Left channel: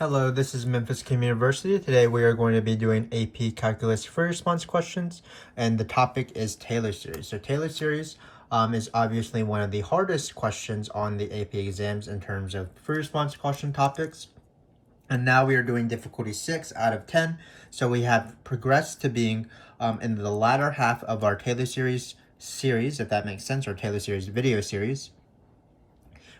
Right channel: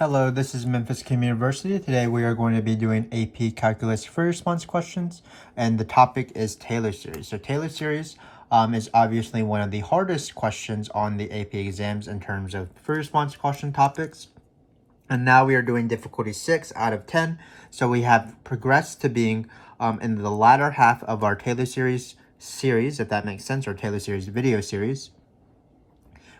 Hello, this is Memphis Communiversity. Today we are going to be doing AP Calculus free response questions, and the topic is Taylor Series. So Taylor Series is obviously one of the hardest questions on the AP exams in terms of free response question topics. And now we are doing difficulty 6 out of 10. So we have progressed to being in the latter half of our Taylor Series, if that makes sense, or Taylor Series video series,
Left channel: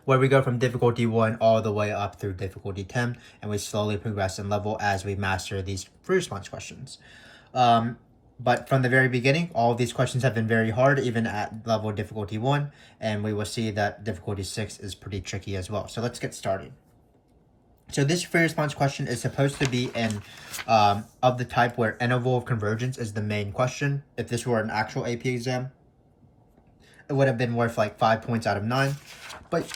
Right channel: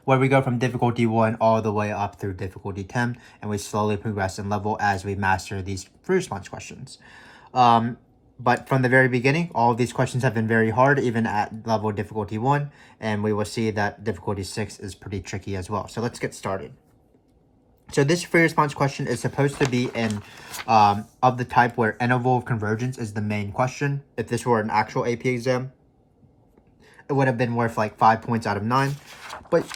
where we go from difficulty 1 all the way up through difficulty 10, and we slowly progress in level as we master these free response questions. But from the very beginning, all of these questions have been very hard, even at level difficulty 1, and we will see that difficulty 6 is pretty tricky as well. So let's get started. So this free response question is supposed to be in of the type where interval of convergence is the main question. If this were an actual AP exam, it would have been worth like 5 points out of 9. But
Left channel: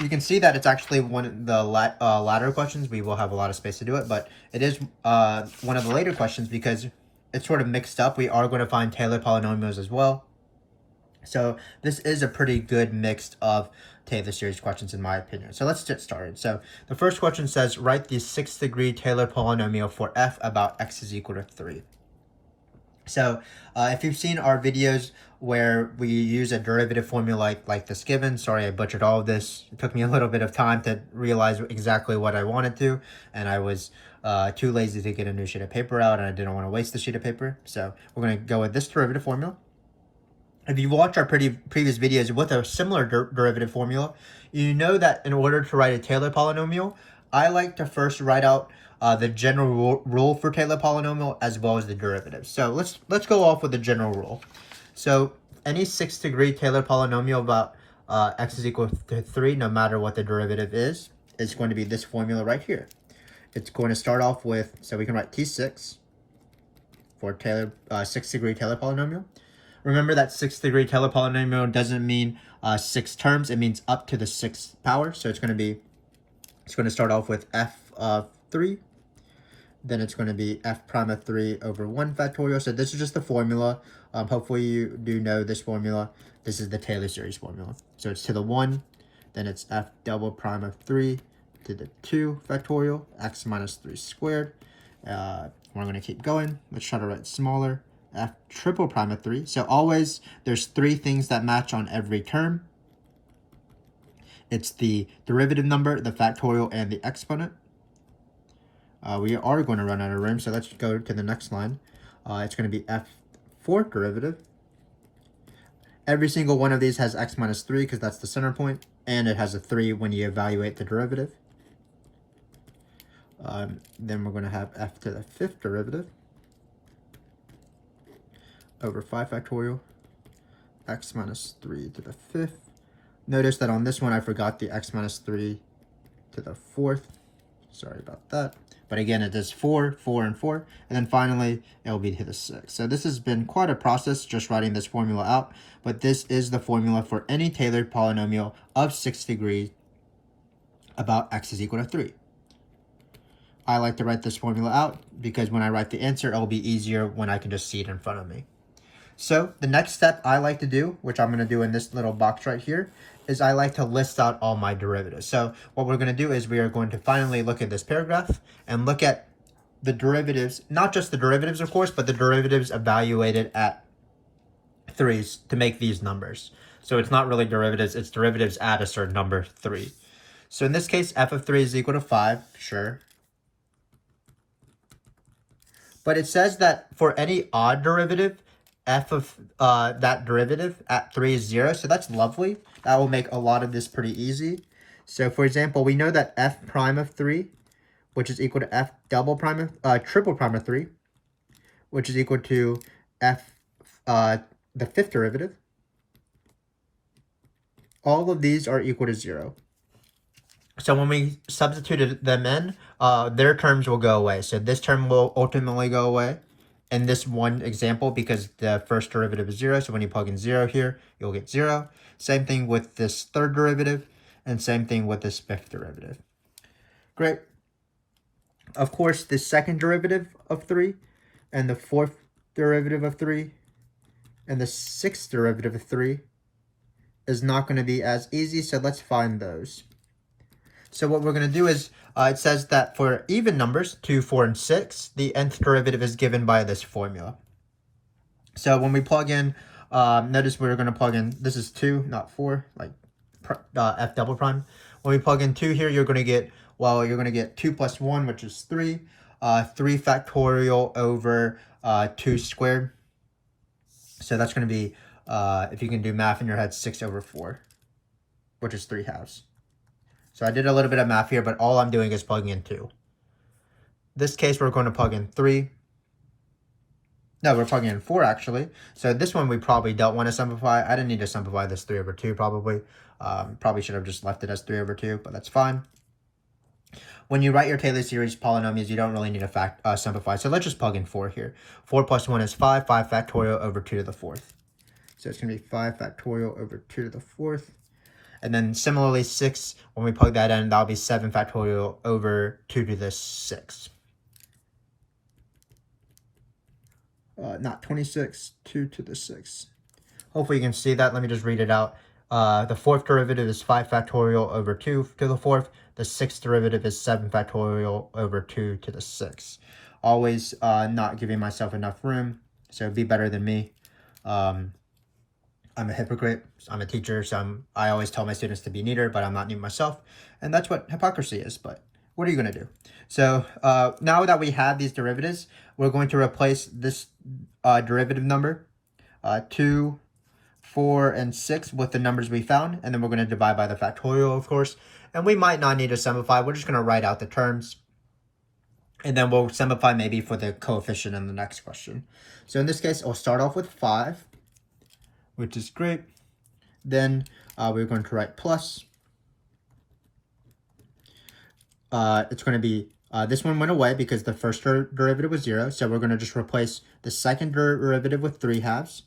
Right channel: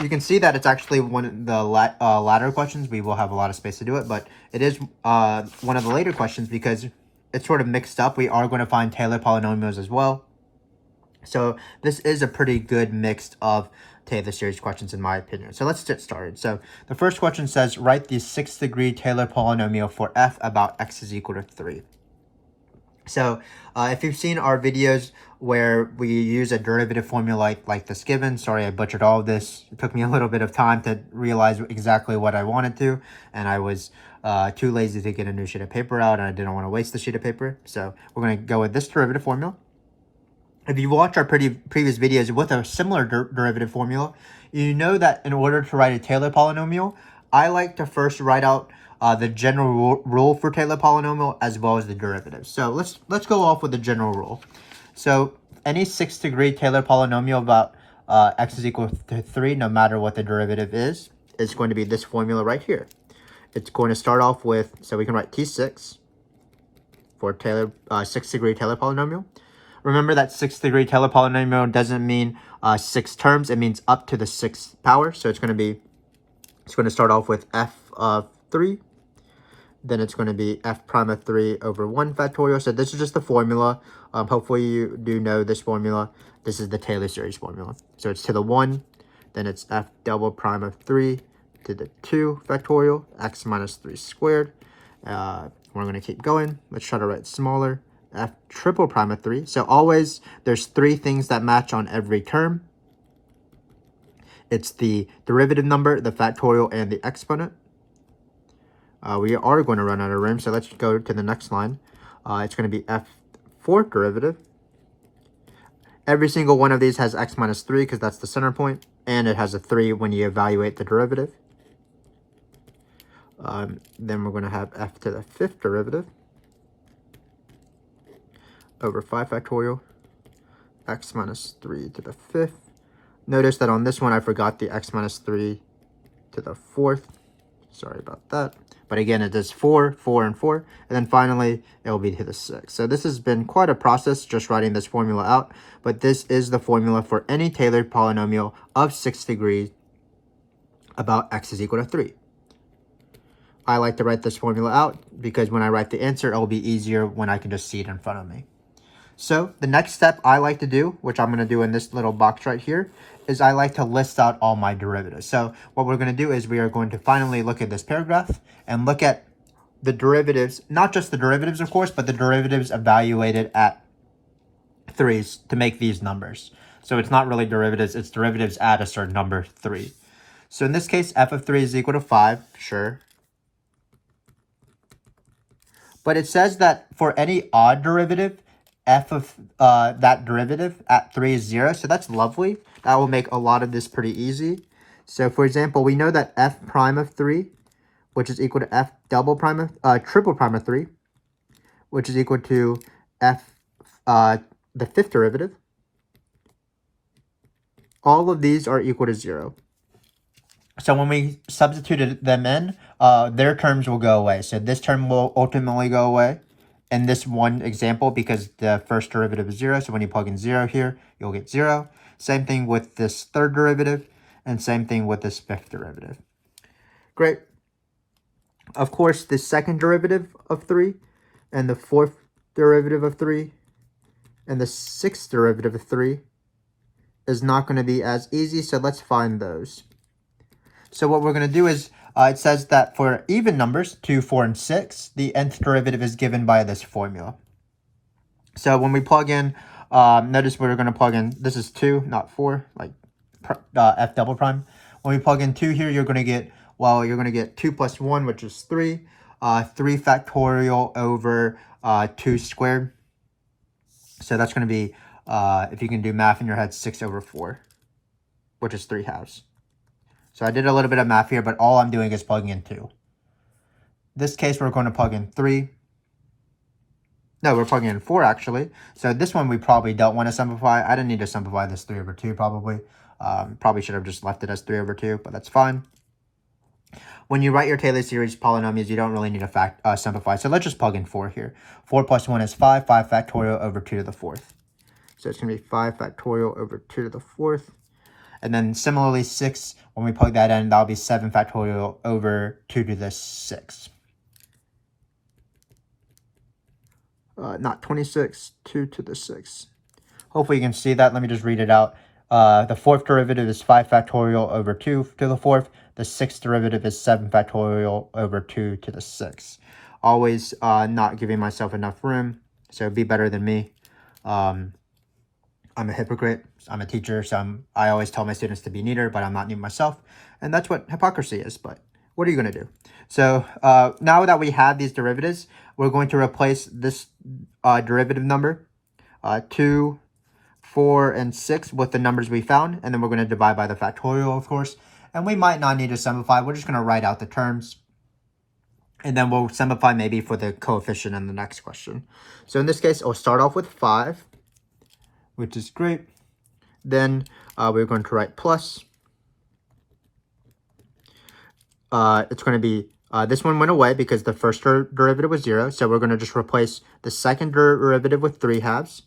you can see that it's actually one of the latter questions. We will have a lot of space to do it, but it is one of the later questions because it's sort of mixed up. We are going to find Taylor polynomials as well. So this is a pretty good mix of Taylor series questions in my opinion. So let's get started. So the first question says, write the 6th degree Taylor polynomial for f about x is equal to 3. So if you've seen our videos where we use a derivative formula like this given, sorry I butchered all of this. It took me a little bit of time to realize exactly what I wanted to, and I was too lazy to get a new sheet of paper out, and I didn't want to waste the sheet of paper. So we're going to go with this derivative formula. If you watch our previous videos with a similar derivative formula, you know that in order to write a Taylor polynomial, I like to first write out the general rule for Taylor polynomial as well as the derivative. So let's go off with the general rule. So any 6th degree Taylor polynomial about x is equal to 3, no matter what the derivative is going to be this formula right here. It's going to start off with, so we can write T6 for Taylor 6th degree Taylor polynomial. Remember that 6th degree Taylor polynomial doesn't mean 6 terms, it means up to the 6th power. So it's going to start off with f of 3. Then it's going to be f prime of 3 over 1 factorial. So this is just the formula. Hopefully you do know this formula. This is the Taylor series formula. So it's to the 1, then it's f double prime of 3 to the 2 factorial, x minus 3 squared. We're going to keep going. Let's try to write smaller. F triple prime of 3. So always there's 3 things that match on every term. It's the derivative number, the factorial, and the exponent. We are going to run out of room, so let's go to the next line. It's going to be f fourth derivative. Every single one of these has x minus 3 because that's the center point, and it has a 3 when you evaluate the derivative. Then we're going to have f to the 5th derivative over 5 factorial, x minus 3 to the 5th. Notice that on this one I forgot the x minus 3 to the 4th. Sorry about that. But again, it does 4, 4, and 4. And then finally, it will be to the 6. So this has been quite a process just writing this formula out. But this is the formula for any Taylor polynomial of 6 degrees about x is equal to 3. I like to write this formula out because when I write the answer, it will be easier when I can just see it in front of me. So the next step I like to do, which I'm going to do in this little box right here, is I like to list out all my derivatives. So what we're going to do is we are going to finally look at this paragraph and look at the derivatives, not just the derivatives, of course, but the derivatives evaluated at 3's to make these numbers. So it's not really derivatives, it's derivatives at a certain number, 3. So in this case, f of 3 is equal to 5, sure. But it says that for any odd derivative, f of that derivative at 3 is 0, so that's lovely. That will make a lot of this pretty easy. So for example, we know that f prime of 3, which is equal to f double prime of triple prime of 3, which is equal to f the 5th derivative. All of these are equal to 0. So when we substituted them in, their terms will go away. So this term will ultimately go away in this one example because the first derivative is 0. So when you plug in 0 here, you'll get 0. Same thing with this 3rd derivative, and same thing with this 5th derivative. Great. Of course, the 2nd derivative of 3, and the 4th derivative of 3, and the 6th derivative of 3 is not going to be as easy, so let's find those. So what we're going to do is, it says that for even numbers, 2, 4, and 6, the nth derivative is given by this formula. So when we plug in, notice we're going to plug in, this is 2, not 4, like f double prime. When we plug in 2 here, you're going to get, well, you're going to get 2 plus 1, which is 3, 3 factorial over 2 squared. So that's going to be, if you can do math in your head, 6 over 4, which is 3 halves. So I did a little bit of math here, but all I'm doing is plugging in 2. This case, we're going to plug in 3. No, we're plugging in 4, actually. So this one we probably don't want to simplify. I didn't need to simplify this 3 over 2, probably. Probably should have just left it as 3 over 2, but that's fine. When you write your Taylor series polynomials, you don't really need to simplify. So let's just plug in 4 here. 4 plus 1 is 5. 5 factorial over 2 to the 4th. So it's going to be 5 factorial over 2 to the 4th. And then similarly, 6, when we plug that in, that'll be 7 factorial over 2 to the 6. Not 26, 2 to the 6. Hopefully you can see that. Let me just read it out. The 4th derivative is 5 factorial over 2 to the 4th. The 6th derivative is 7 factorial over 2 to the 6th. Always not giving myself enough room, so be better than me. I'm a hypocrite. I'm a teacher, so I always tell my students to be neater, but I'm not neat myself. And that's what hypocrisy is, but what are you going to do? So now that we have these derivatives, we're going to replace this derivative number, 2, 4, and 6 with the numbers we found, and then we're going to divide by the factorial, of course. And we might not need to simplify. We're just going to write out the terms. And then we'll simplify maybe for the coefficient in the next question. So in this case, I'll start off with 5. Which is great. Then we're going to write plus. It's going to be, this one went away because the first derivative was 0. So we're going to just replace the second derivative with 3 halves.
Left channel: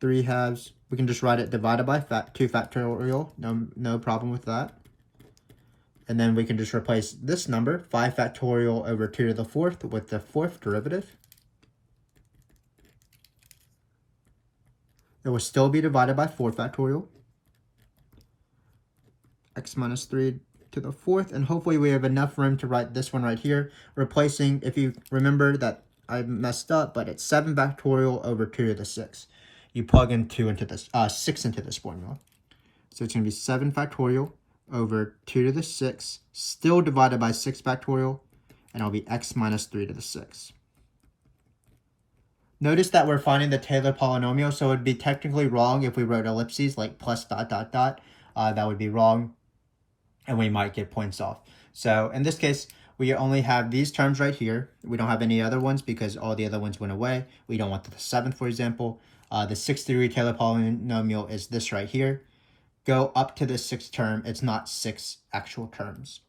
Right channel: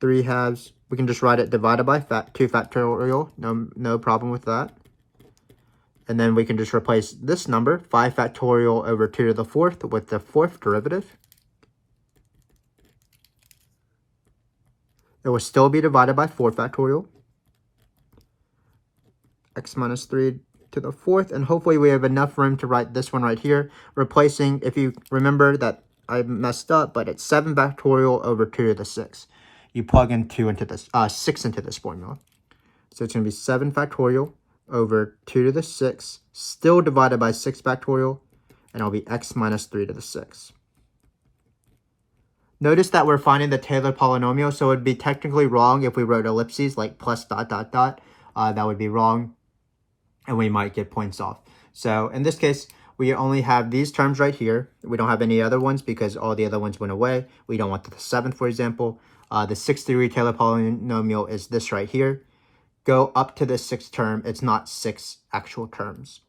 3 halves, we can just write it divided by 2 factorial. No problem with that. And then we can just replace this number, 5 factorial over 2 to the 4th, with the 4th derivative. It will still be divided by 4 factorial. X minus 3 to the 4th. And hopefully we have enough room to write this one right here. Replacing, if you remember that I messed up, but it's 7 factorial over 2 to the 6th. You plug in 6 into this formula. So it's going to be 7 factorial over 2 to the 6th, still divided by 6 factorial, and it'll be x minus 3 to the 6th. Notice that we're finding the Taylor polynomial, so it would be technically wrong if we wrote ellipses like plus dot dot dot. That would be wrong, and we might get points off. So in this case, we only have these terms right here. We don't have any other ones because all the other ones went away. We don't want the 7th, for example. The 6th degree Taylor polynomial is this right here. Go up to the 6th term. It's not 6 actual terms.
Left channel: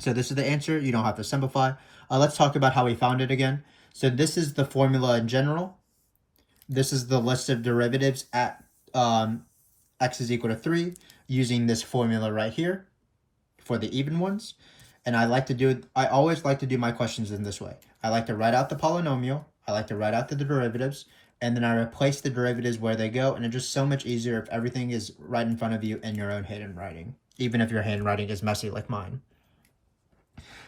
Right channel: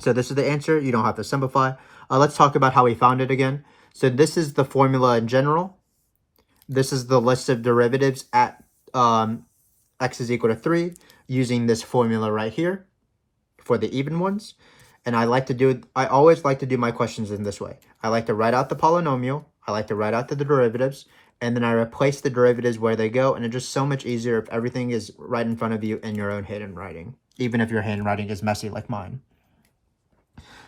So this is the answer. You don't have to simplify. Let's talk about how we found it again. So this is the formula in general. This is the list of derivatives at x is equal to 3 using this formula right here for the even ones. And I always like to do my questions in this way. I like to write out the polynomial. I like to write out the derivatives. And then I replace the derivatives where they go. And it's just so much easier if everything is right in front of you in your own handwriting, even if your handwriting is messy like mine.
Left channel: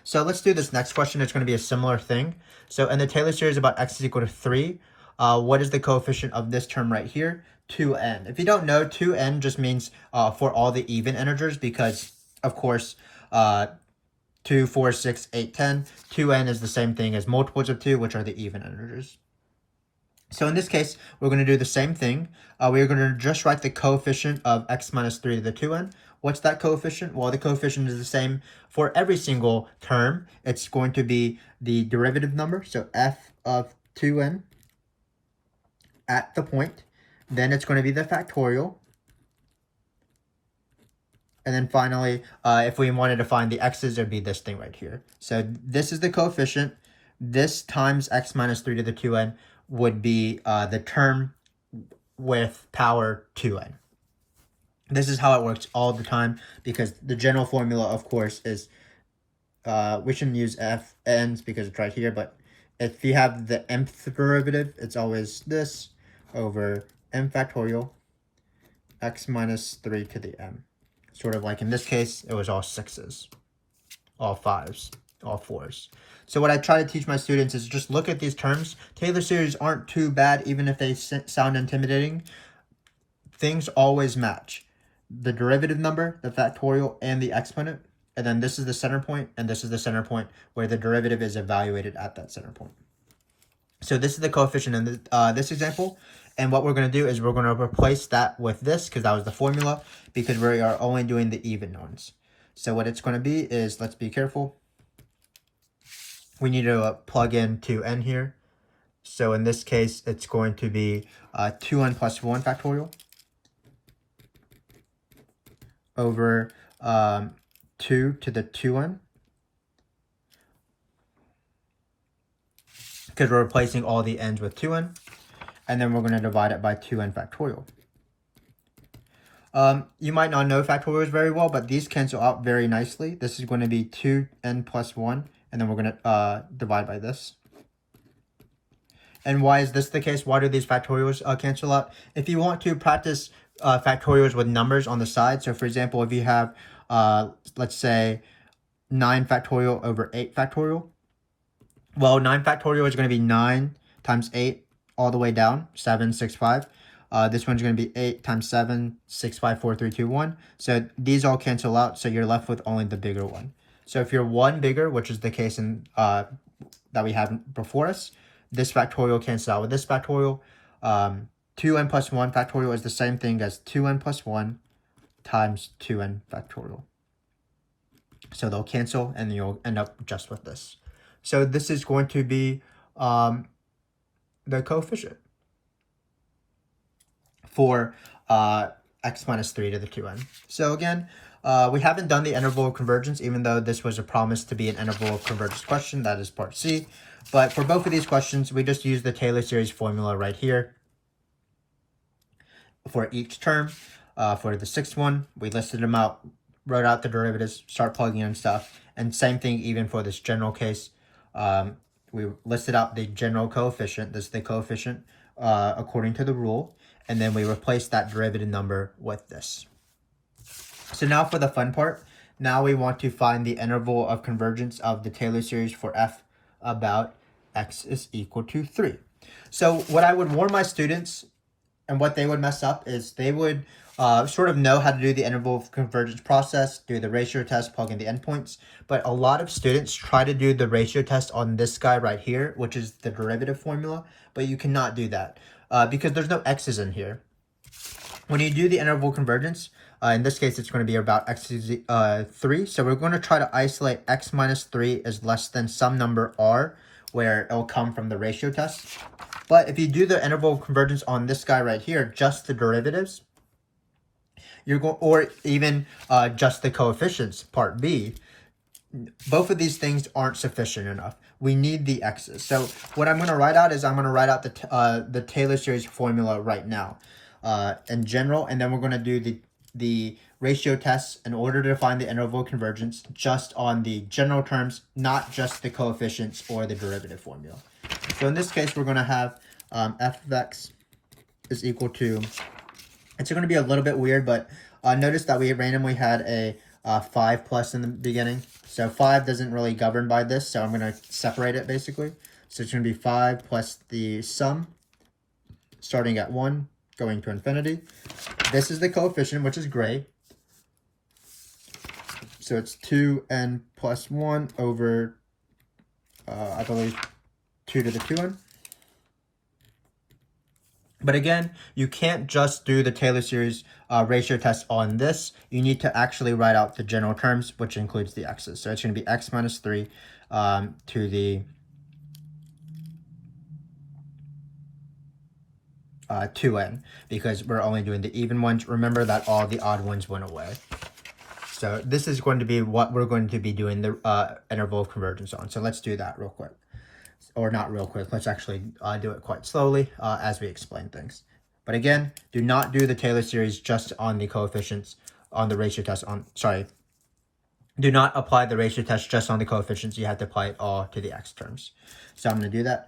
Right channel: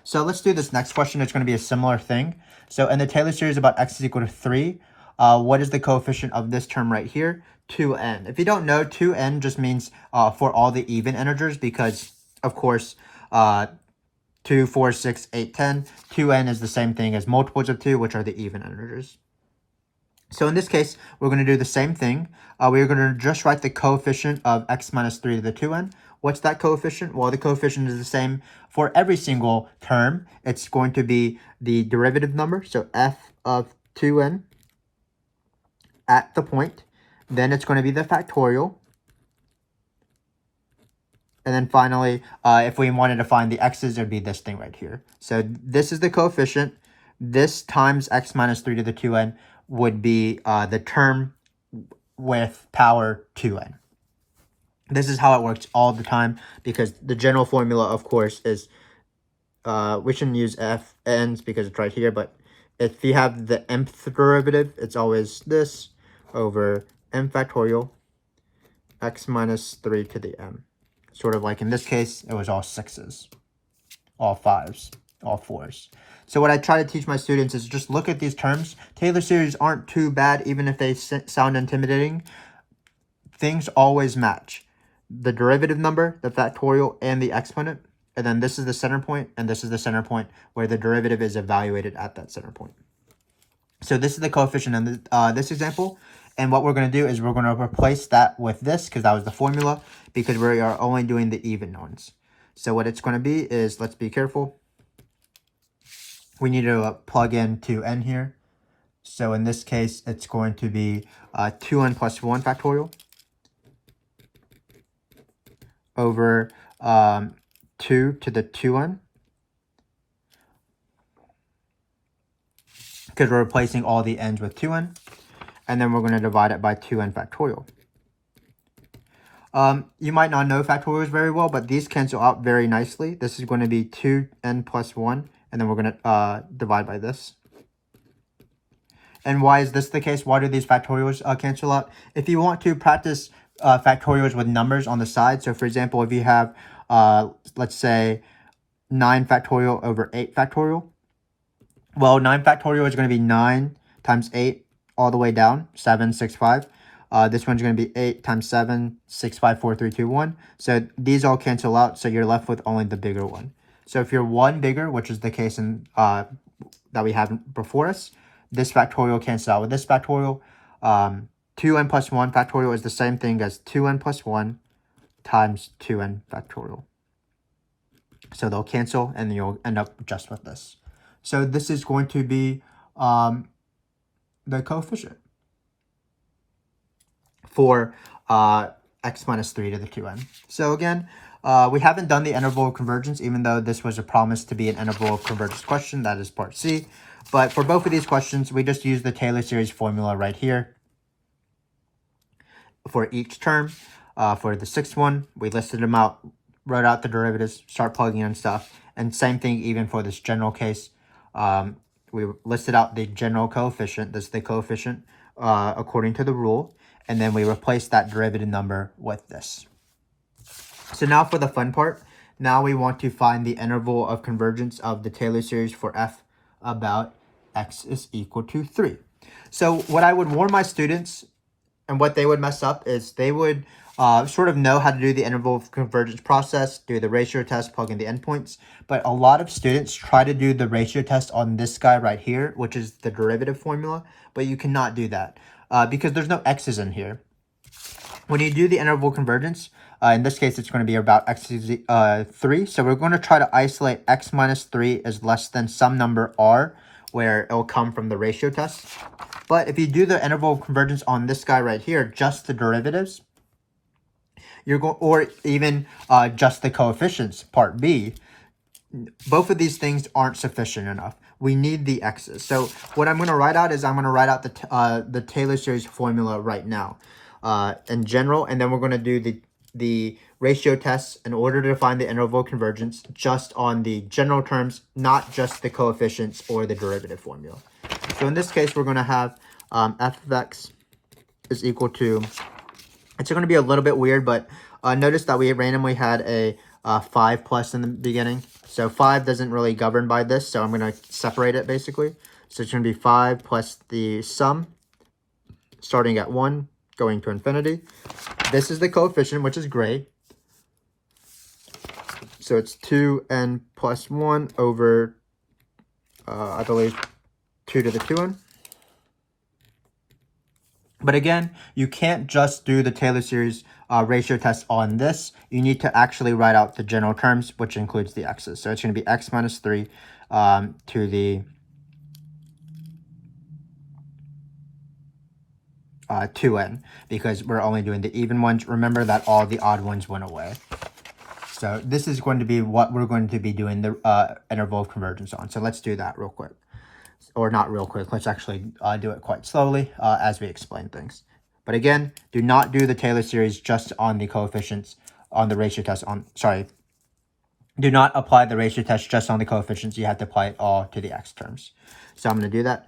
So let's do this next question. It's going to be a similar thing. So in the Taylor series about x is equal to 3, what is the coefficient of this term right here? 2n. If you don't know, 2n just means for all the even integers because, of course, 2, 4, 6, 8, 10. 2n is the same thing as multiples of 2, which are the even integers. So in this case, we're going to do the same thing. We're going to just write the coefficient of x minus 3 to the 2n. What's that coefficient? Well, the coefficient is the same for every single term. It's going to be the derivative number, so f of 2n at the point. Then it's going to be the factorial. And then finally, if we wanted to find the x's, it would be this thing right here. So this is the coefficient. This times x minus 3 to the 2n would be the term with power 2n. This is how it works all the time because the general formula, of course, is, we shouldn't use fn's because it's right here, but if you have the mth derivative, it's always this over m factorial x minus 3 to the m. sort of like in this case, it was all 6s, all 5s, all 4s. So what I try to teach my students is just look at these terms. Taylor series aren't too bad, even if they sound intimidating. Things always match. The derivative number, the factorial, and the exponent. And then this is the center point, and this is the center point where the derivative is evaluated at that center point. So this is the coefficient in this example. And what we're going to do is we're going to replace that with this, because that was the formula, because we are only doing the even ones. So what it's going to be is, let's be careful. We need to plug in 2n here. So in this case, it's going to be 2n plus 1 factorial over 2 to the 2n. Because we're replacing all the n's with 2n. And then we're going to divide it by 2n factorial. You might not know factorials very well, but these cancel out very nicely. This is going to be 2n plus 1, and then we're going to divide by this. And why is this the case? Why do these factorials cancel out? If you want to practice factorials with numbers on the side, so for example, if you have, let's say, 9 factorial over 8 factorial, well, 9 factorial is going to be 9 times 8 all the way down, 7, 6, 5. This one's going to be 8 times 7, 6, 5, 4, 3, 2, 1. So these all cancel out, so you're left with only the bigger one. So if you're one bigger, which is the case in that we have before us, this factorial cancels out with this factorial. 2n plus 1 factorial is the same thing as 2n plus 1 times 2n factorial. So they'll cancel, and you'll end up just with this. So this is going to be the coefficient for x minus 3 to the 2n. So again, we haven't done the interval of convergence, even though this was a promise to be an interval of convergence question. That is part C. But for both of these questions, we just use the Taylor series formula right here for each term. For the sixth one, we listed them out, wrote out the derivatives, start plugging in stuff. And same thing even for this general case. We listed out the general coefficient. This is the coefficient according to the rule. And then we replace that derivative number with this. So now for the fun part. Now we want to find the interval of convergence of the Taylor series for f about x is equal to 3. So what I would warn my students, and what they would mess up, is they would sort of know how to do the interval of convergence process, do the ratio test, plug in the endpoints. But a lot of students try to do the ratio test on this guy right here, which is the derivative formula. But you cannot do that because there's no x's in here. When you do the interval convergence, in this case, it's going to be about x is 3. So we're going to try to isolate x minus 3 is less than some number r, where it will come from the ratio test. But if you do the interval of convergence on this guy right here, just the derivatives, you're going, or even just the coefficients, part B, both of these things aren't sufficient enough. We need the x's. So what I'm going to write out is I'm going to write out the Taylor series formula right now in general, and then we're going to do the ratio tests in order to find the interval convergence just on the general terms, not just the coefficients or the derivative formula. So in this case, we're going to have f of x is equal to, it's going to be a little bit weird, but notice that we randomly had a 5 plus in the beginning. So 5 doesn't really govern by this, so I'm going to separate it basically. So it's going to be 5 plus the sum, starting at 1, going to infinity. This is the coefficient, which is great. So it's 2n plus 1 over, I believe, 2 to the 2n. But again, you can't just do the Taylor series ratio test on this. You need to actually write out the general terms, which includes the x's. So it's going to be x minus 3 to the 2n, because we're only doing the even ones. Remember that all the odd ones went away. So this is going to be what we're going to be doing the interval of convergence on. So let's do that real quick. Or not real quick. Let's actually do it quite slowly as we explain things. But again, do not do the Taylor series just on the coefficients on the ratio test. Do not apply the ratio test just on the coefficients. You have to apply it all to the x terms. So I'm going to do that.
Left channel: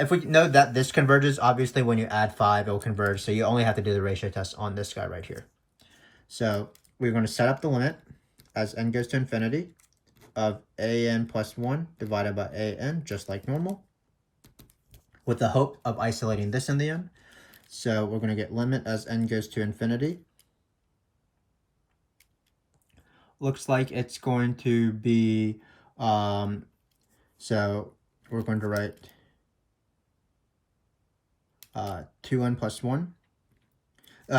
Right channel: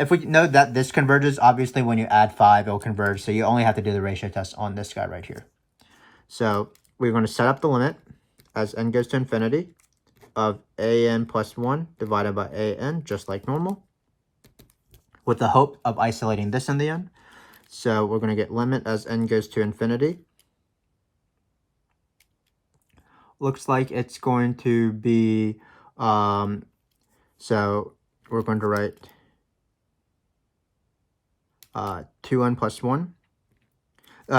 If we know that this converges, obviously when you add 5, it will converge. So you only have to do the ratio test on this guy right here. So we're going to set up the limit as n goes to infinity of an plus 1 divided by an, just like normal, with the hope of isolating this in the end. So we're going to get limit as n goes to infinity. Looks like it's going to be, so we're going to write 2n plus 1.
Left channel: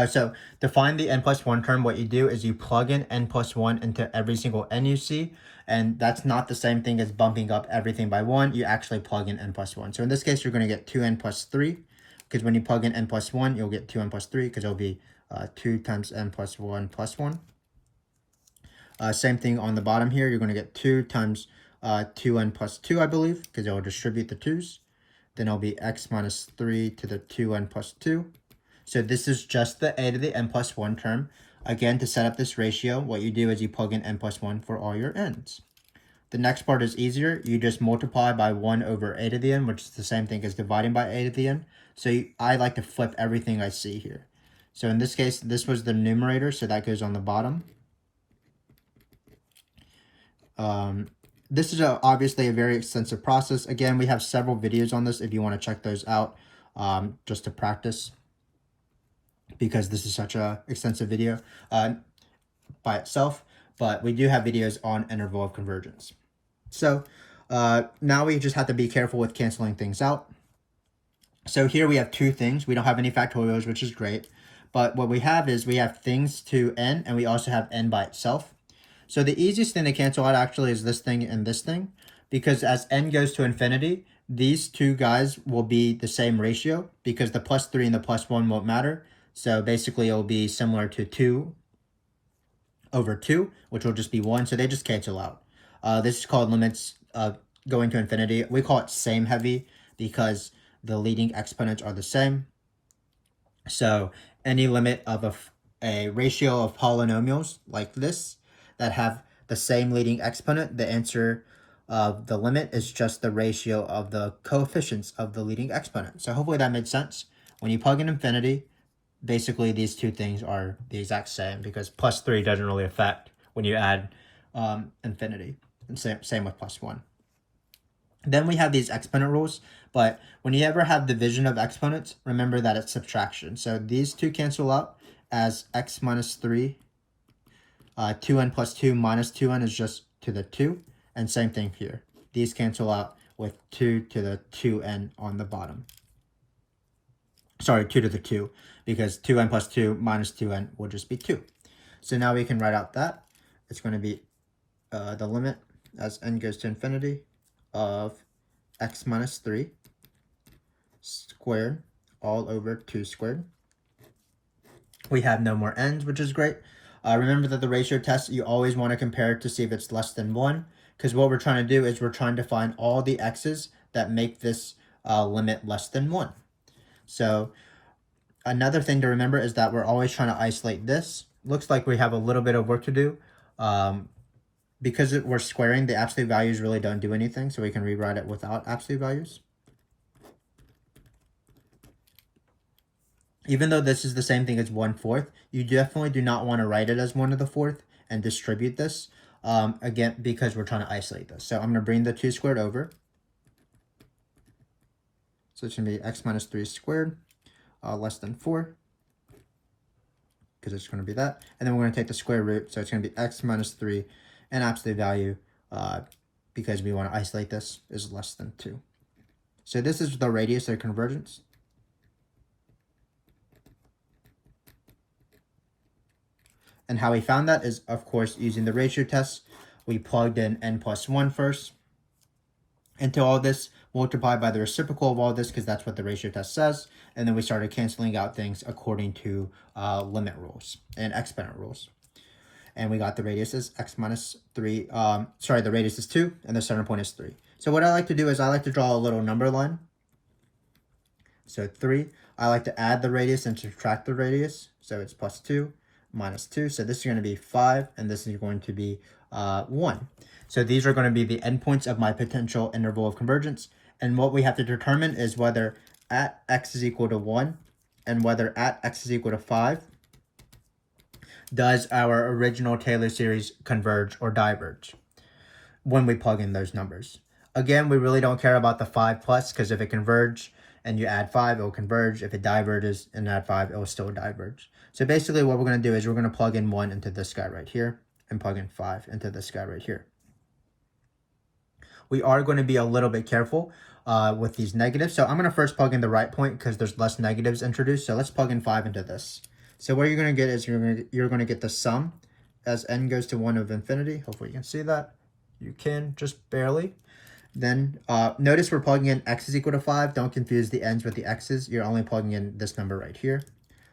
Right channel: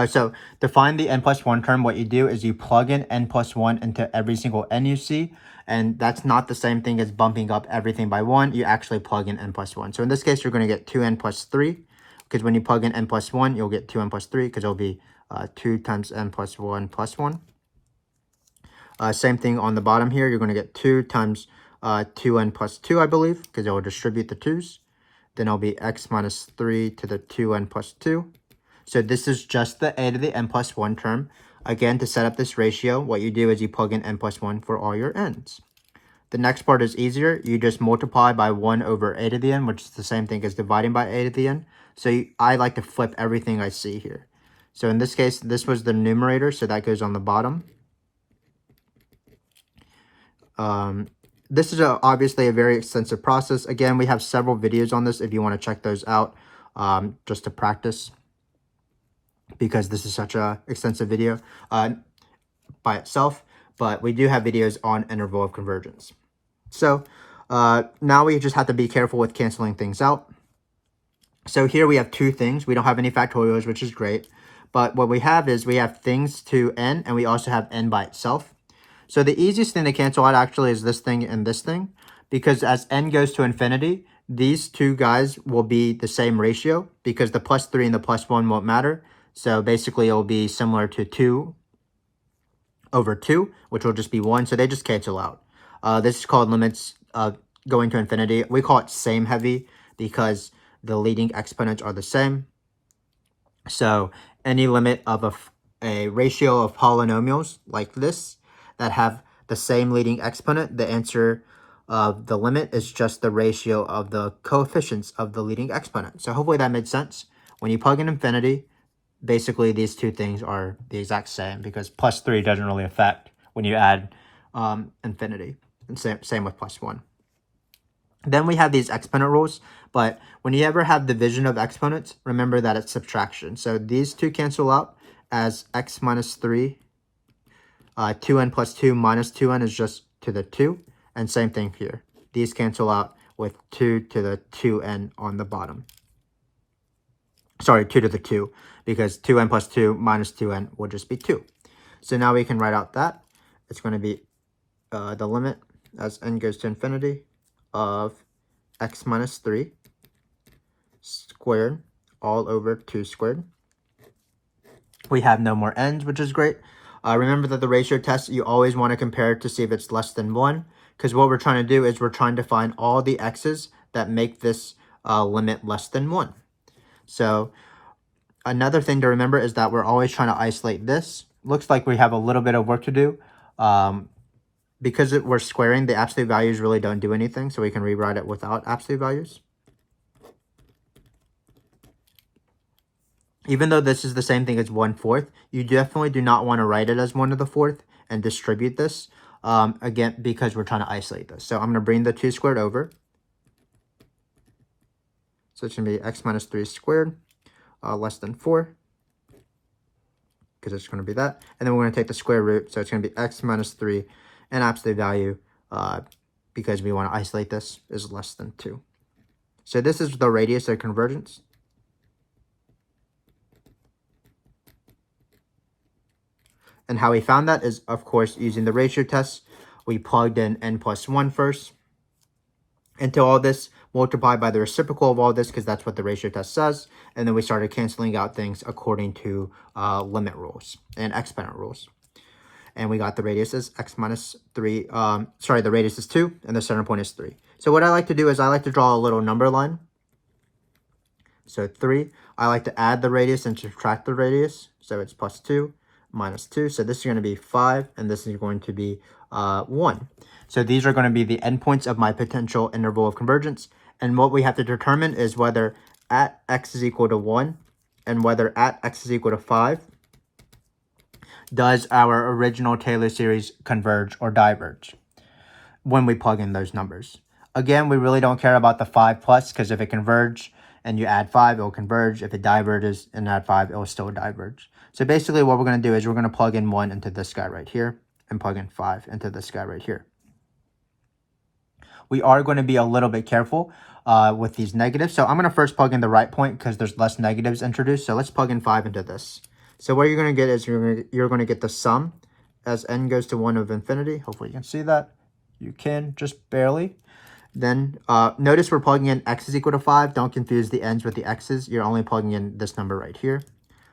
So to find the n plus 1 term, what you do is you plug in n plus 1 into every single n you see, and that's not the same thing as bumping up everything by 1. You actually plug in n plus 1. So in this case, you're going to get 2n plus 3, because when you plug in n plus 1, you'll get 2n plus 3, because it'll be 2 times n plus 1 plus 1. Same thing on the bottom here. You're going to get 2 times 2n plus 2, I believe, because it will distribute the 2's. Then it'll be x minus 3 to the 2n plus 2. So this is just the a to the n plus 1 term. Again, to set up this ratio, what you do is you plug in n plus 1 for all your n's. The next part is easier. You just multiply by 1 over a to the n, which is the same thing as dividing by a to the n. So I like to flip everything I see here. So in this case, this was the numerator, so that goes on the bottom. This is obviously a very extensive process. Again, we have several videos on this if you want to check those out, just to practice, because this is such a extensive video by itself, but we do have videos on interval of convergence. So now we just have to be careful with canceling things out. So here we have two things. We don't have any factorials, which is great, but what we have is we have things to n, and we also have n by itself. So the easiest thing to cancel out actually is this thing and this thing, because as n goes to infinity, these two guys will be the same ratio, because the plus 3 and the plus 1 won't matter. So basically, it will be similar to 2 over 2, which will just be 1. So they just cancel out. This is called limits going to infinity. We call it same heavy because the leading exponents are the same. So any limit of a ratio of polynomials like this that have the same leading exponent, the answer of the limit is just the ratio of the coefficients of the leading exponent. So hopefully that made sense. When you plug in infinity, basically these two things are the exact same, because plus 3 doesn't really affect when you add infinity. And same with plus 1. Then we have these exponent rules, but when you ever have division of exponents, remember that it's subtraction. So these two cancel out as x minus 3. 2n plus 2 minus 2n is just to the 2. And same thing here. These cancel out with 2 to the 2n on the bottom. Sorry, 2 to the 2, because 2n plus 2 minus 2n will just be 2. So now we can write out that. It's going to be the limit as n goes to infinity of x minus 3 squared all over 2 squared. We have no more n's, which is great. Remember that the ratio test, you always want to compare it to see if it's less than 1, because what we're trying to do is we're trying to find all the x's that make this limit less than 1. So another thing to remember is that we're always trying to isolate this. Looks like we have a little bit of work to do. Because we're squaring, the absolute values really don't do anything, so we can rewrite it without absolute values. Even though this is the same thing as 1/4, you definitely do not want to write it as 1 to the 4th and distribute this, again, because we're trying to isolate this. So I'm going to bring the 2 squared over. So it's going to be x minus 3 squared less than 4, because it's going to be that. And then we're going to take the square root, so it's going to be x minus 3, and absolute value, because we want to isolate this, is less than 2. So this is the radius of convergence. And how we found that is, of course, using the ratio test. We plugged in n plus 1 first into all this, multiplied by the reciprocal of all this, because that's what the ratio test says. And then we started canceling out things according to limit rules and exponent rules. And we got the radius is x minus 3. The radius is 2, and the center point is 3. So what I like to do is I like to draw a little number line. So 3. I like to add the radius and subtract the radius. So it's plus 2. Minus 2, so this is going to be 5, and this is going to be 1. So these are going to be the endpoints of my potential interval of convergence, and what we have to determine is whether at x is equal to 1 and whether at x is equal to 5, does our original Taylor series converge or diverge when we plug in those numbers. Again, we really don't care about the 5 plus, because if it converge and you add 5, it will converge. If it diverges and add 5, it will still diverge. So basically what we're going to do is we're going to plug in 1 into this guy right here and plug in 5 into this guy right here. We are going to be a little bit careful with these negatives. So I'm going to first plug in the right point because there's less negatives introduced. So let's plug in 5 into this. So what you're going to get is you're going to get the sum as n goes to 1 of infinity. Hopefully you can see that. You can, just barely. Then notice we're plugging in x is equal to 5. Don't confuse the n's with the x's. You're only plugging in this number right here.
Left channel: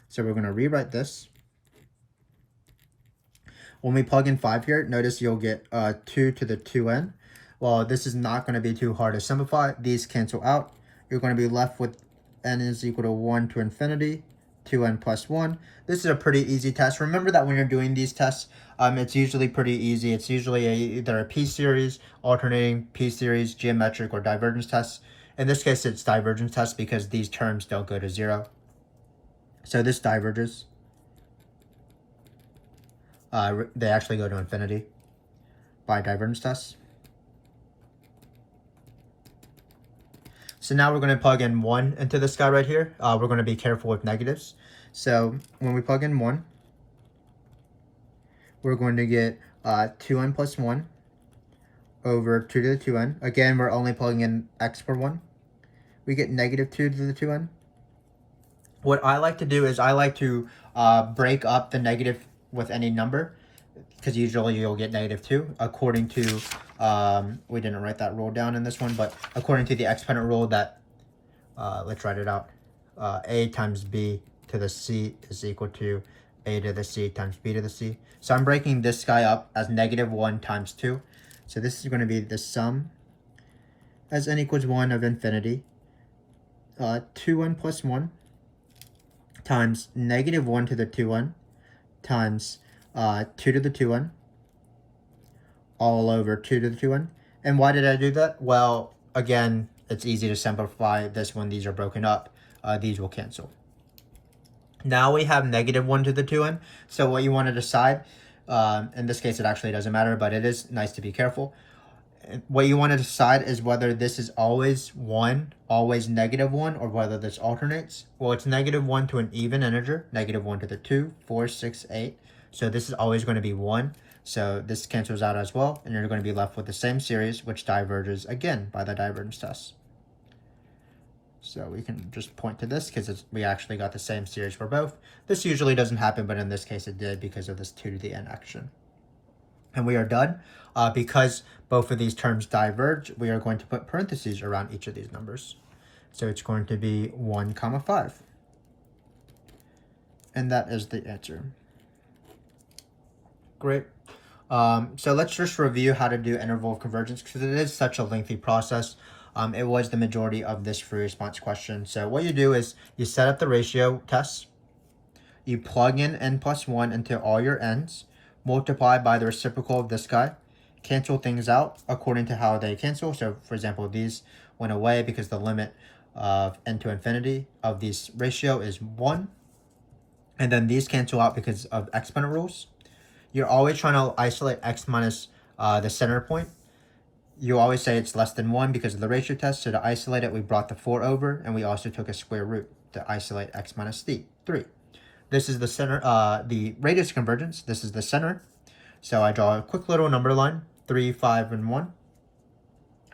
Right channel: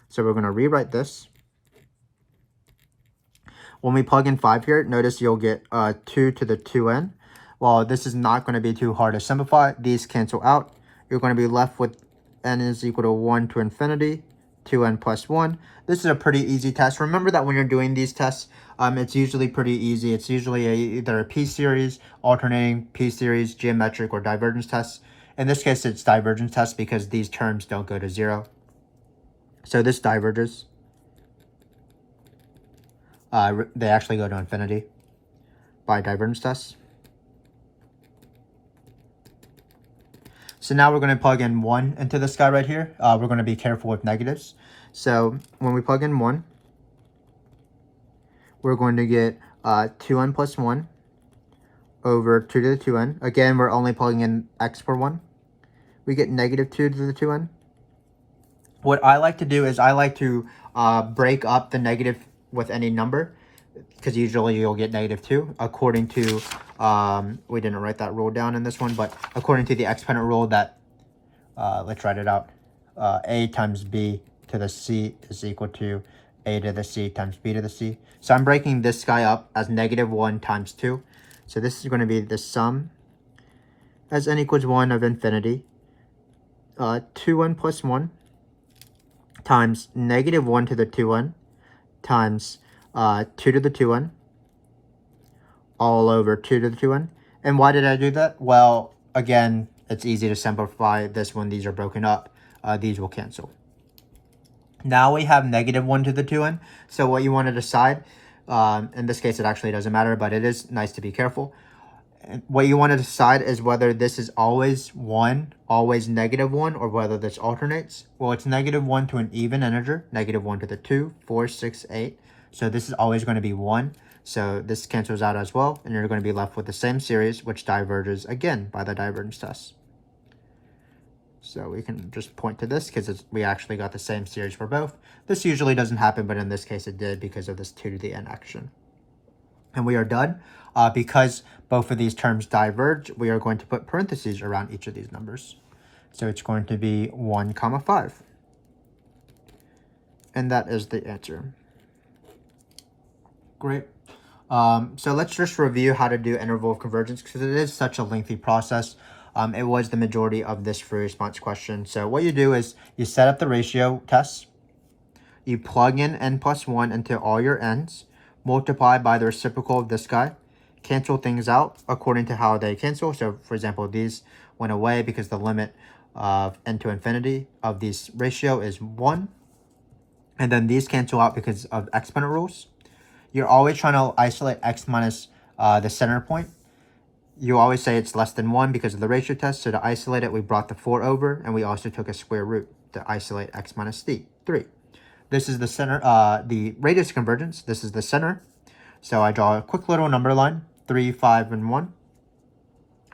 So we're going to rewrite this. When we plug in 5 here, notice you'll get 2 to the 2n. Well, this is not going to be too hard to simplify. These cancel out. You're going to be left with n is equal to 1 to infinity, 2n plus 1. This is a pretty easy test. Remember that when you're doing these tests, it's usually pretty easy. It's usually either a p-series, alternating p-series, geometric, or divergence test. In this case, it's divergence test because these terms don't go to 0. So this diverges. They actually go to infinity by divergence test. So now we're going to plug in 1 into this guy right here. We're going to be careful with negatives. So when we plug in 1, we're going to get 2n plus 1 over 2 to the 2n. Again, we're only plugging in x for 1. We get negative 2 to the 2n. What I like to do is I like to break up the negative with any number, because usually you'll get negative 2 according to, we didn't write that rule down in this one, but according to the exponent rule that, let's write it out, a times b to the c is equal to a to the c times b to the c. So I'm breaking this guy up as negative 1 times 2. So this is going to be the sum as n equals 1 of infinity, 2n plus 1 times negative 1 to the 2n times 2 to the 2n all over 2 to the 2n. And why did I do that? Well, again, it's easy to simplify this when these are broken up. These will cancel. Now we have negative 1 to the 2n. So what you want to decide, in this case it actually doesn't matter, but it is nice to be careful. What you want to decide is whether this is always 1, always negative 1, or whether this alternates. Well, it's negative 1 to an even integer, negative 1 to the 2, 4, 6, 8. So this is always going to be 1. So this cancels out as well, and you're going to be left with the same series, which diverges again by the divergence test. So we can just point to this because we actually got the same series for both. This usually doesn't happen, but in this case it did because of this 2 to the n action. And we are done. Because both of these terms diverge, we are going to put parentheses around each of these numbers. So it's going to be 1 comma 5. And that is the answer. Great. So let's just review how to do interval of convergence because it is such a lengthy process. It was the majority of this free response question. So what you do is you set up the ratio test. You plug in n plus 1 into all your n's, multiply by the reciprocal of this guy, cancel things out according to how they cancel. So for example, these went away because the limit of n to infinity of this ratio is 1. And then these cancel out because of exponent rules. You're always trying to isolate x minus the center point. You always say it's less than 1 because of the ratio test. So to isolate it, we brought the 4 over, and we also took a square root to isolate x minus 3. This is the center, the radius convergence. This is the center. So I draw a quick little number line, 3, 5, and 1.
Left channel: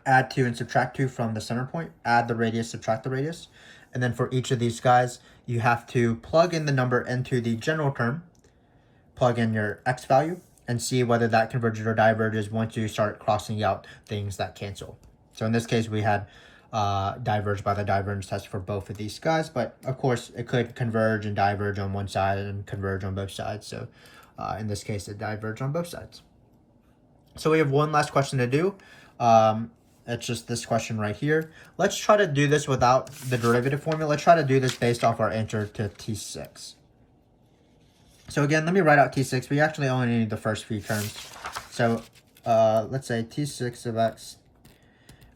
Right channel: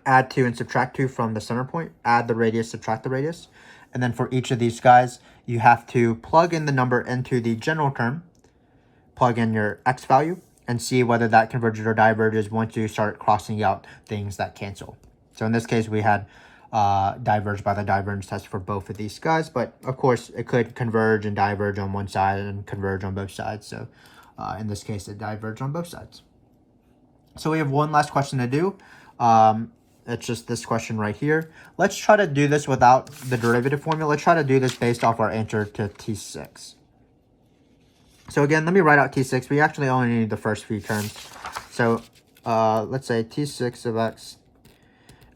Add 2 and subtract 2 from the center point. Add the radius, subtract the radius. And then for each of these guys, you have to plug in the number into the general term, plug in your x value, and see whether that converges or diverges once you start crossing out things that cancel. So in this case, we had diverge by the divergence test for both of these guys, but of course it could converge and diverge on one side and converge on both sides. So in this case, it diverged on both sides. So we have one last question to do. It's just this question right here. Let's try to do this without the derivative formula. Let's try to do this based off our answer to T6. So again, let me write out T6. We actually only need the first few terms. So let's say T6 of x.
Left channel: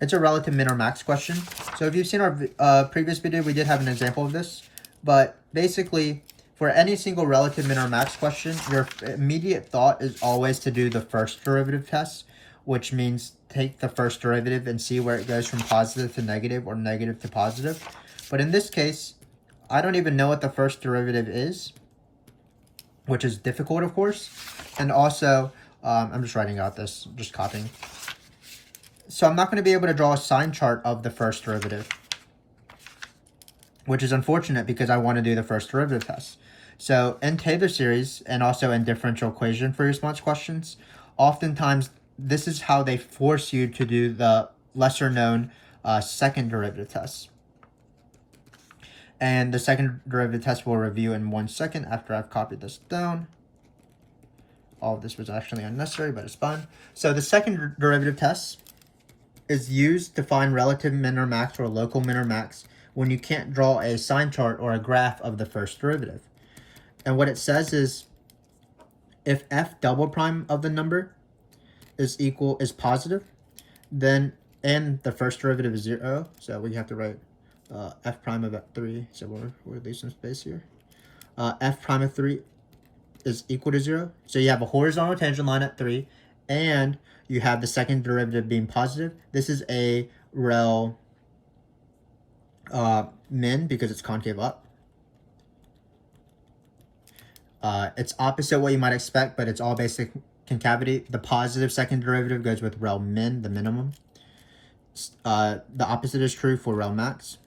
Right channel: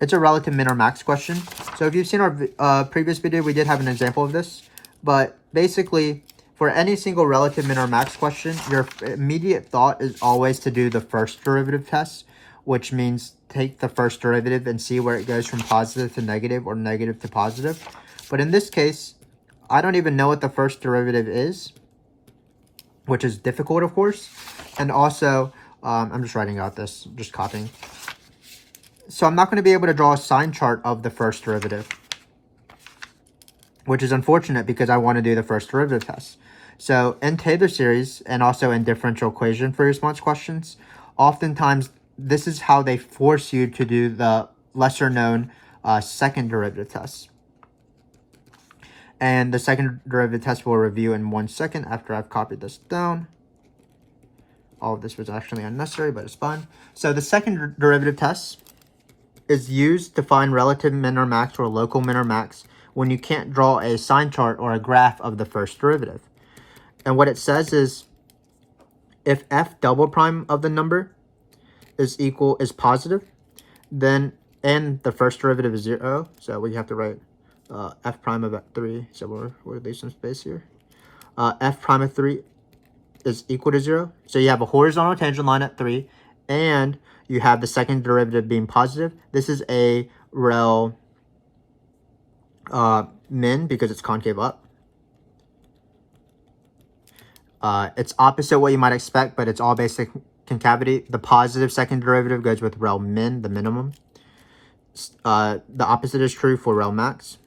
It's a relative min or max question. So if you've seen our previous video, we did have an example of this. But basically, For any single relative min or max question, your immediate thought is always to do the first derivative test, which means take the first derivative and see where it goes from positive to negative or negative to positive. But in this case, I don't even know what the first derivative is, which is difficult, of course. And also, I'm just writing out this, just copying. So I'm not going to be able to draw a sign chart of the first derivative, which is unfortunate because I want to do the first derivative test. So in Taylor series and also in differential equation free response questions, oftentimes this is how they force you to do the lesser known second derivative test. And the second derivative test we'll review in 1 second after I've copied this down. All of this was actually unnecessary, but it's fine. So the second derivative test is used to find relative min or max or local min or max when you can't draw a sign chart or a graph of the first derivative. And what it says is if f double prime of the number is positive, then and the first derivative is 0, so we have to write f prime of 3, so we'll leave some space here. F prime of 3 is equal to 0, so you have a horizontal tangent line at 3, and you have the second derivative being positive. This is a rel min because it's concave up. It's opposite what you might expect, but it's all basic concavity. The positive second derivative goes with rel min, the minimum. The opposite is true for rel max.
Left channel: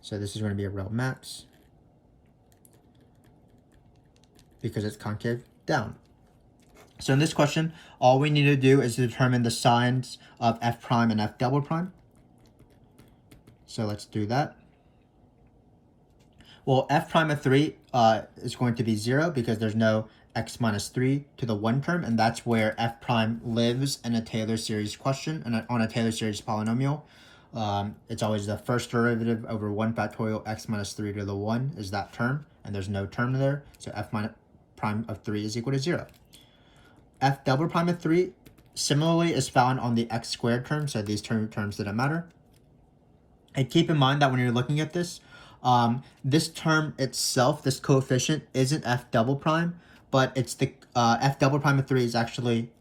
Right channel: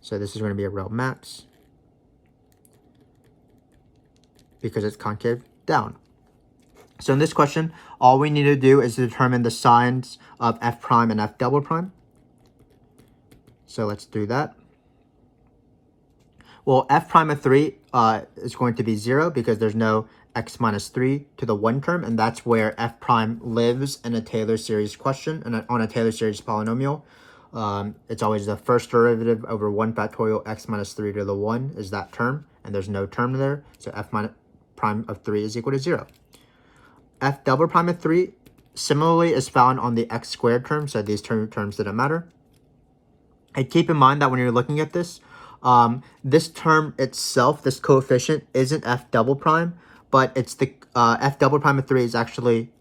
So this is going to be a rel max because it's concave down. So in this question, all we need to do is determine the signs of f prime and f double prime. So let's do that. Well, f prime of 3 is going to be 0 because there's no x minus 3 to the 1 term, and that's where f prime lives in a Taylor series question and on a Taylor series polynomial. It's always the first derivative over 1 factorial x minus 3 to the 1 is that term, and there's no term there, so f prime of 3 is equal to 0. F double prime of 3 similarly is found on the x squared term, so these terms didn't matter. And keep in mind that when you're looking at this, this term itself, this coefficient, isn't f double prime, but it's the f double prime of 3 is actually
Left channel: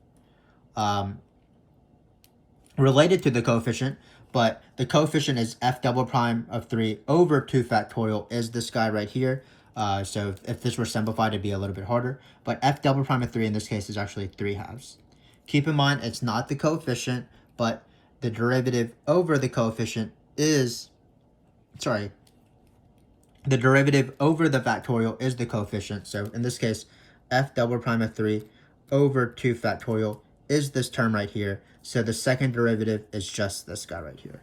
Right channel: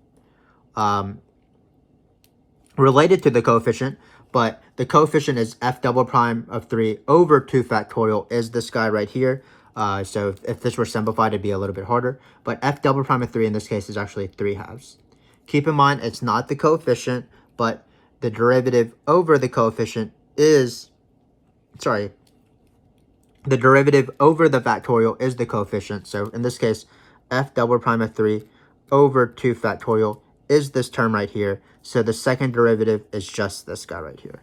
related to the coefficient, but the coefficient is f double prime of 3 over 2 factorial is this guy right here. So if this were simplified, it'd be a little bit harder, but f double prime of 3 in this case is actually 3/2. Keep in mind, it's not the coefficient, but the derivative over the coefficient is, the derivative over the factorial is the coefficient. So in this case, f double prime of 3 over 2 factorial is this term right here. So the second derivative is just this guy right here.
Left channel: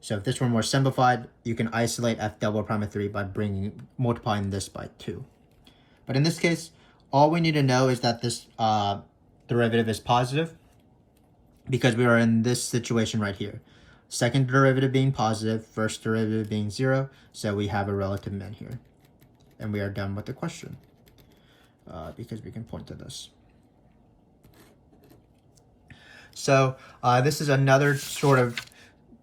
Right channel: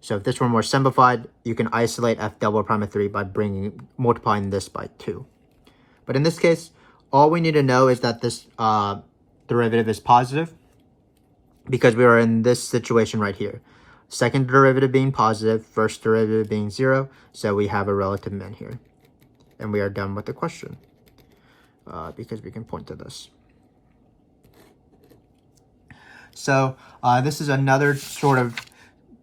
So if this were more simplified, you can isolate f double prime of 3 by multiplying this by 2. But in this case, all we need to know is that this derivative is positive because we are in this situation right here. Second derivative being positive, first derivative being 0, so we have a relative min here. And we are done with the question because we can point to this. So this is another sort of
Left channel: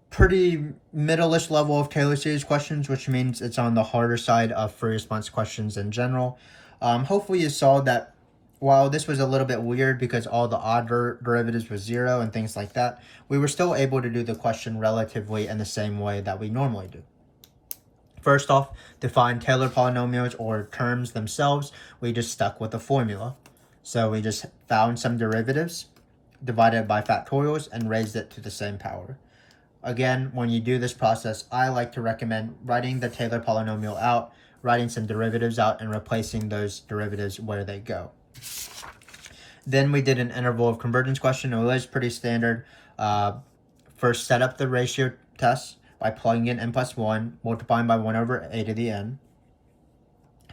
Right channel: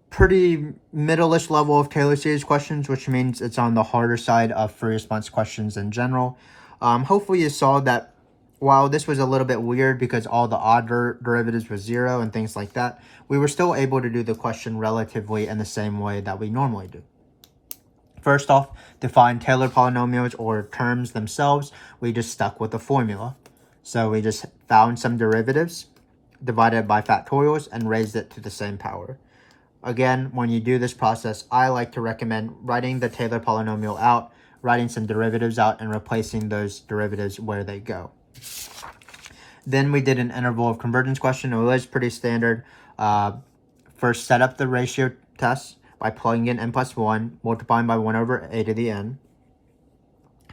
pretty middle-ish level of Taylor series questions, which means it's on the harder side of free response questions in general. Hopefully you saw that while this was a little bit weird because all the odd derivatives were 0 and things like that, we were still able to do the question relatively in the same way that we normally do. First off, to find Taylor polynomials or terms themselves, we just stuck with the formula. So we just found some derivatives, divided by factorials, and raised it to the same power. Again, when you do this process, I like to recommend writing the Taylor polynomial out, writing some derivatives out, and replacing those derivatives where they go. Then we did an interval of convergence question. It was pretty standard. First, set up the ratio test by plugging in n plus 1, multiplying by 1 over a to the n.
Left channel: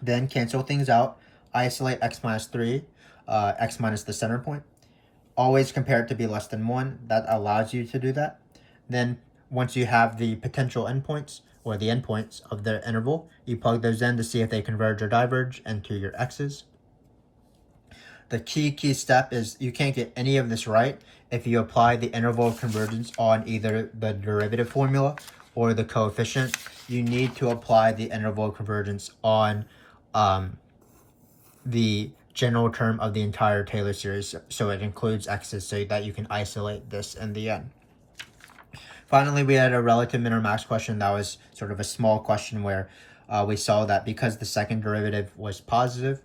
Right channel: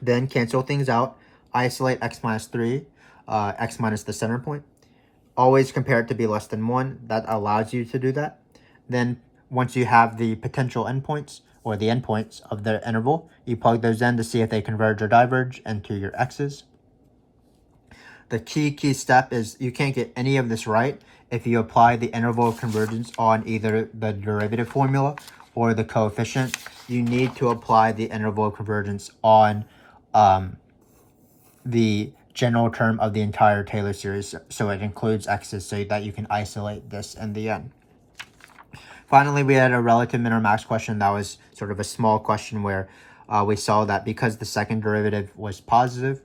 Then cancel things out, isolate x minus 3, x minus the center point. Always compare it to be less than 1. That allows you to do that. Then once you have the potential endpoints, or the endpoints of the interval, you plug those in to see if they converge or diverge into your x's. The key step is you can't get any of this right if you apply the interval of convergence on either the derivative formula or the coefficient, you need to apply the interval of convergence on the general term of the entire Taylor series, so it includes x's, so that you can isolate this in the end. Finally, we had a relative min or max question that was sort of a small question where we saw that because the second derivative was positive,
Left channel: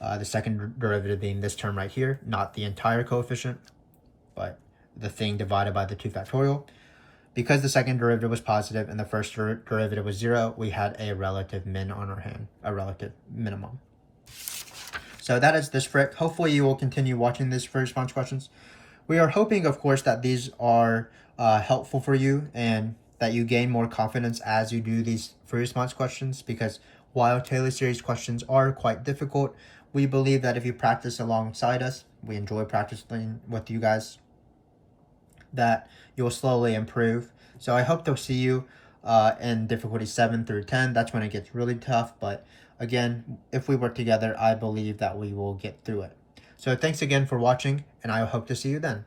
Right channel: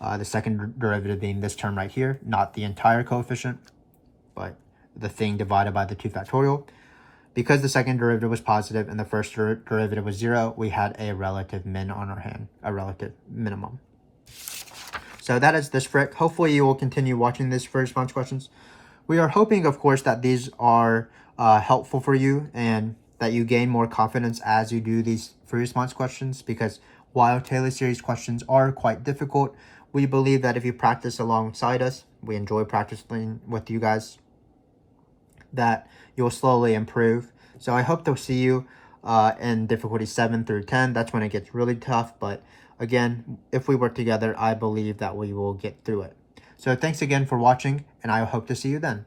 the second derivative being this term right here, not the entire coefficient, but the thing divided by the 2 factorial. Because the second derivative was positive and the first derivative was 0, we had a relative min on our hand, a relative minimum. So that is this frick. Hopefully you will continue watching this free response questions. We are hoping, of course, that these are helpful for you and that you gain more confidence as you do these free response questions, because while Taylor series questions are quite difficult, we believe that if you practice alongside us, we enjoy practicing with you guys, that you'll slowly improve. So I hope to see you in difficulty 7 through 10. That's when it gets really tough, but again, if we work together, I believe that we will get through it. So thanks again for watching, and I hope to see you then.